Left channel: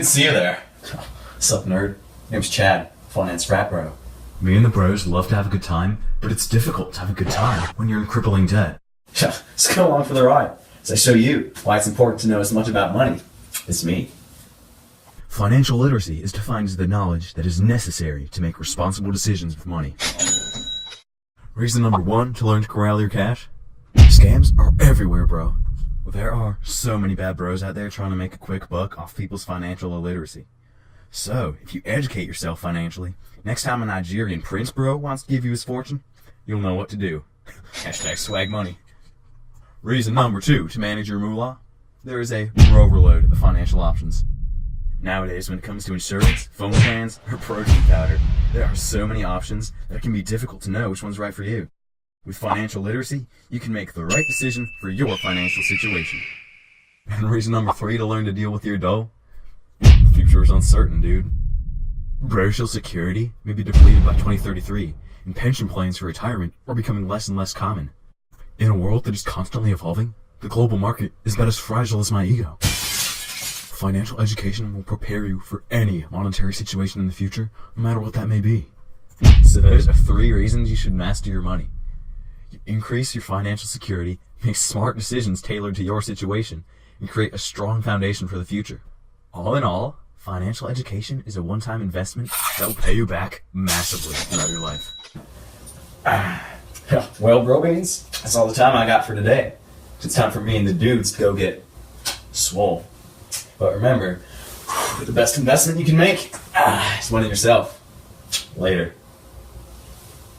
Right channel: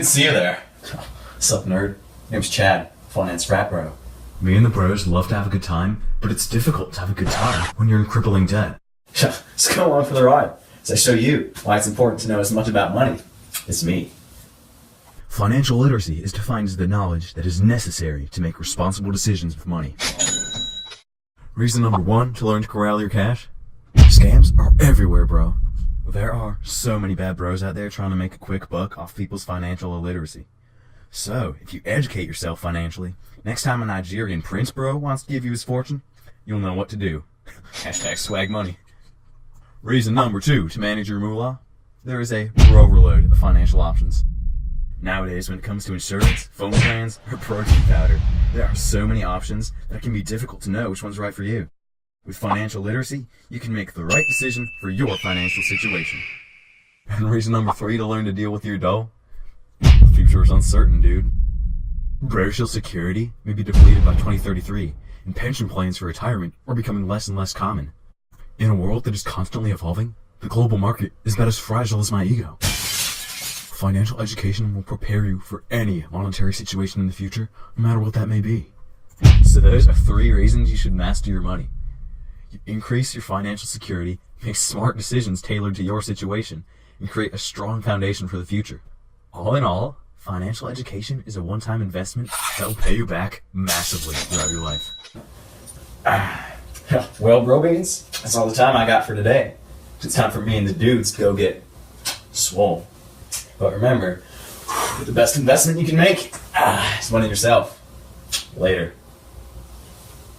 Good to see you there. What's up, nerd? Name's Chad, finance frat bro. Me and the bros love to have a good time, but it's difficult to have a good time when you're in crippling debt. Yeah, let's go along for the ride as I show you why it's important to know as much about money as me. Financial literacy is defined as the knowledge that is necessary to make responsible decisions with money. Reason number 1 to learn to corral your cash? Scams are everywhere, bro. Well, there are so many bad bros out there trying to make a quick buck off people's financial illiteracy. So, if you educate yourself financially, next time a Nigerian prince bro wants to give you his fortune, you'll know what to do. Hashtag swag money. Reason number 2 to manage your moolah? There is a overload of financial options. Nowadays, when it comes to insurance, phone plans, or protein powder, there are so many options that it can be difficult to know which one's right for you. With financial literacy, you can make the right decision for your financial situation. And reason number 3 to learn to deal with your dough? The future is uncertain, dude. Social security may be depleted by 2033, and pension plans for retirement are becoming less and less common. In a world that is constantly evolving, the global market is about as fragile as my ego. Financial education will prepare you for any monetary situation in the future, no matter what that may be. So those are 3 reasons you should master your money. You increase your financial security, make smart decisions tailored to your situation, and create a strong foundation for the future. All in all, financial education is a one-time investment that will pay you back massively throughout your life. Well, bro beans, that's all the time I got for today. It's time for me and the dudes to go get swole. But remember, the best investment you can make is one in yourself. Later.